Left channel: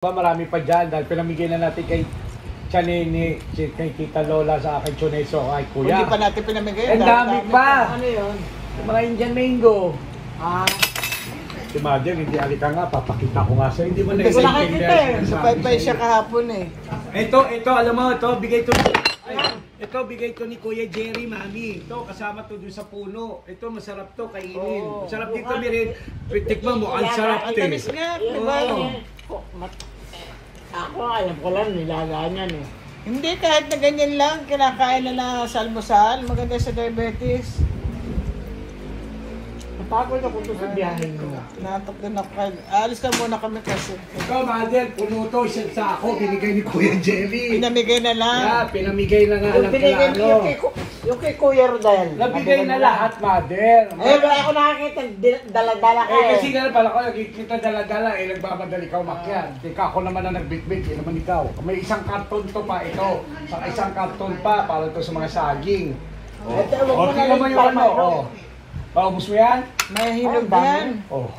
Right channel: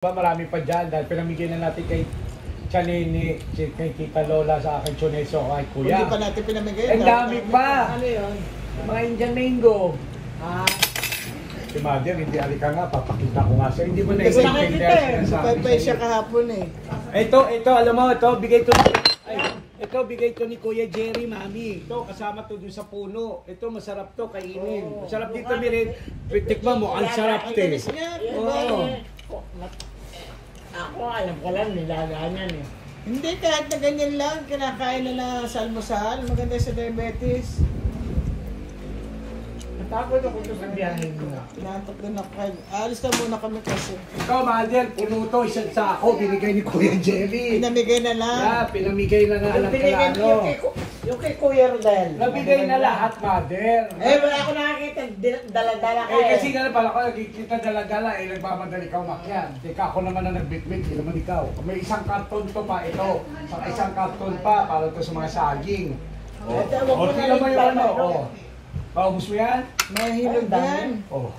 Marami pa dyan dahil pinamigay na natin kay Chanini, kay Tita Lola, sa akin Chuneso, kay Kuya. Hindi pa natin pinamigay. Ang dami pa! Ano yun? Yung mga Indian mango. Ah, Si Mother, hindi alika nga, papakita ko nga sa'yo. Hindi mo Hindi ko na-intindihan nakikita eh. Bukay pa siya kahapon eh. Ito, alam mo, ito, bigay to. Ito, bigay to ni Kuya Jerry, Mami. Ito, kasama to dun sa puno. Ito, masarap to, kainin. Oh. Masarap dito, Mirin. Tikman mo, ang sarap Ang to. tamis nga, diba? ako alam ko lang nilagaan eh. Hindi, kahit na ganyan lang, kinakain na sa almusal, maganda sa diabetes. Napagod ako doon sa biyahe mo. Natok din ako. Alis na muna kami kasi. Ikaw, Mother, puno to, isang sako, binigay ni Kuya Jerry. Pinamigay na lang. Yeah, pinamigay na nga lang kay ano. Yung kay Kuya Rodel. Nabigay na lahat, Mother. Eh, wala ako nakakita. Dala-dala ka Eh, kasi nga pala ko, nagkikita dala-dala, eh, nagmamadali ka umakyat. Teka, ako naman na nagbitbit, hindi naman ikaw. May isang karton to pa, ito. Saka isang karton pa, para to sa mga saging. O, tingnan mo yung ano, o. Paubos mo yan? May hinog yan. O.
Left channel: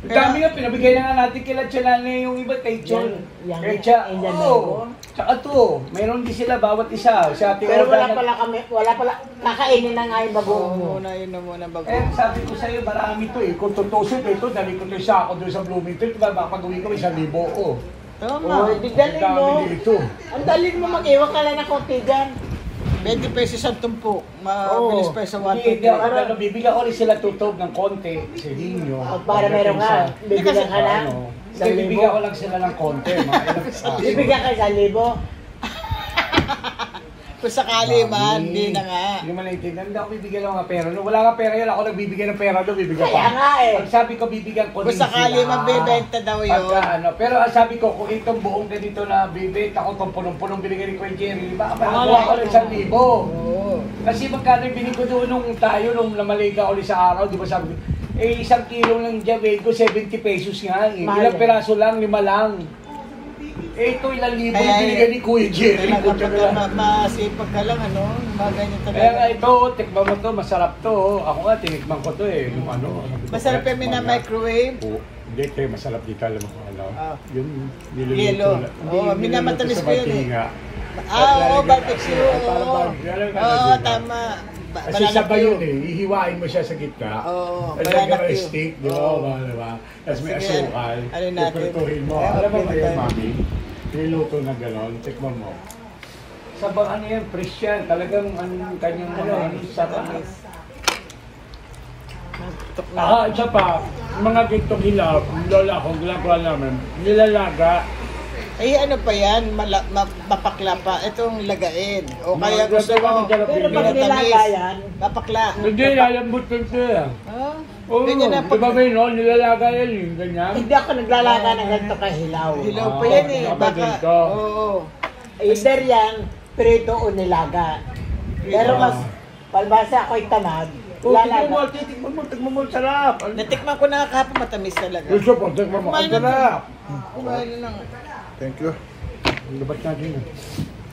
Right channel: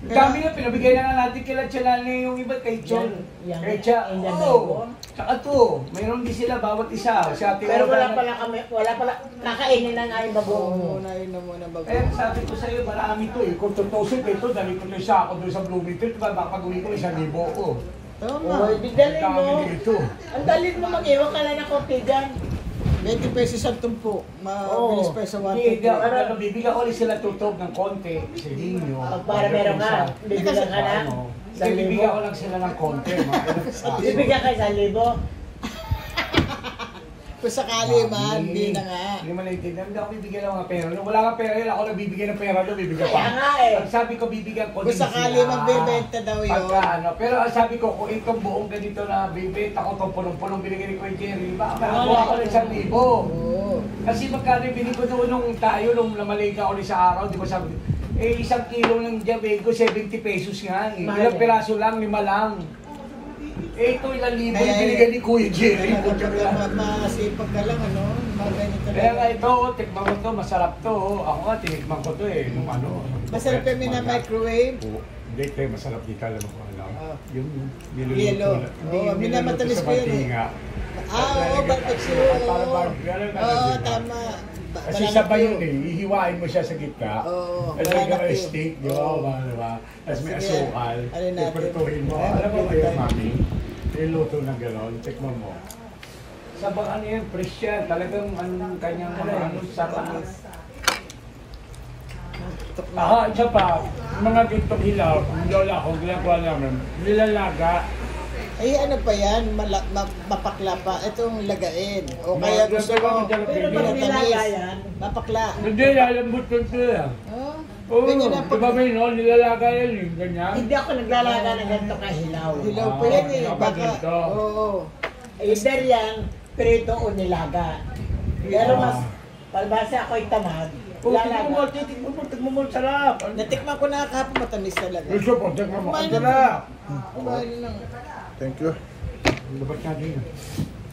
Ang dami na, pinabigay na nga natin kila Chalane yung iba, kay Chon. Yan. Kay Cha, Yan. oo. Tsaka to, mayroon din sila, bawat isa. Sa ating Pero wala organo. pala kami, wala pala, kakainin na nga yung bagoong mo. Muna yun na muna bago. Eh, sabi ko sa'yo, marami to eh. Kung tutusok ito, dali ko to sa ako doon sa Bloomington, diba, baka pag-uwi ko 1,000. Oh. Tama. Oh, di dalhin Ang mo. dami dito. Ang dalhin mo mag-iwan ka lang ng konti dyan. 20 pesos ang tumpo. Mabilis pa sa 1 Hindi, ako bibigyan ko rin sila tutog ng konti sa inyo. Para meron ka. Bibigyan ka lang. Kasi bibigyan ko lang sila ng konti. Bibigyan ka 1,000. Kung sakali man, hindi na nga. Hindi mo naiintindihan. Hindi ako bibigyan ng mga pera. Nung wala ka pera yun, ako nagbibigyan ng pera doon, bibigyan ko. Kaya nga eh. Ang sabi ko, bibigyan ko Kung din sakali sila. magbebenta daw yun. Pagka, ano, pero ang sabi ko, kung itong buong ganito na bibenta ko, itong punong-punong binigyan ni Kuya Jerry, baka makakuha ko ng 1,000. Oo. Kasi magkano yung binigay ko doon nung tayo, nung namaliga ulit sa araw, di ba sabi ko, eh 1 kilo ng Javeco, 70 pesos nga eh. Mahal. Ilang piraso lang, 5 lang. Eh ito ilang libo Kaya, yung binigay ni Kuya Jerry. Masipag ka lang, ano? Maganda Kaya nga talaga. ito, tikman mo to, masarap to. Ako nga, tinikman ko to eh. Nung ano. Masarap yung mina-microwave. Hindi, kaya masarap dito, alam mo kung ano. Ah. Yung Yellow. niluluto. Oo, minamatamis ko yun eh. Ah, Oo, barbecue. Oo, tama. Kasi sabay yun eh, hihiwain mo siya sa gitna. Oo, At banana may cue. steak, di ba? Oo. Diba? Tapos may Sige, asukal. ano natin? Ipertuhin mo. Oo, Alam mo ba pwede yung tayo. mami? Iluto na gano'n, tikman mo. Sabang ano yan, fresh yan. Talagang anong kanyang mga ano, sarap. Tok na. Isa pa, yung mga gintong hilaw, yung lola ko, ginagawa namin, nilalaga. Eh, ano pa yan? Mapakla pa. Itong lagain. O kaya Mga gusto ganun, mo, Pero pag pinatamis. nilaga yan, Mapakla. Hindi, lalambot ko ito yan. Oh, Oo, ganyan na. di ba may no, nilalaga yan yung ganyan. hindi ako naglalaga ng ganito kahilaw. Hilaw pa yan eh. Ah, Baka, ganito. oo. Either yan, prito o nilaga. Pero mas, palbasa ako'y tamad. Oh, tignan mo, Lalaga. tignan mo, sarap. Natikman ko na kahapon, matamis talaga. Gusto po, tignan mo, ang sarap. Kumain na. Thank you. Dapat natin.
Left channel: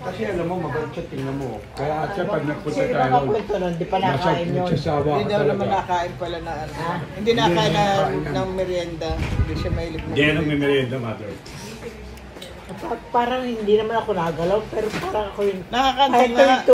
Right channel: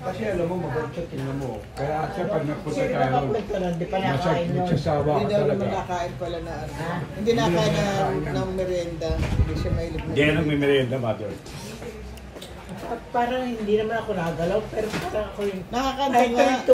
Kasi alam mo, maganda siya, tingnan mo. Kaya siya pag nagpunta Sino tayo, nakapunto nun? Di pa nakain nun. nagsasawa ka Hindi daw naman talaga. nakain pala na ano. Hindi nakain ng merienda. Hindi siya mahilig na. Hindi yan nagmimerienda, mother. Parang hindi naman ako nagalaw, pero parang ako yung... Nakakanta Kahit nga. tuwing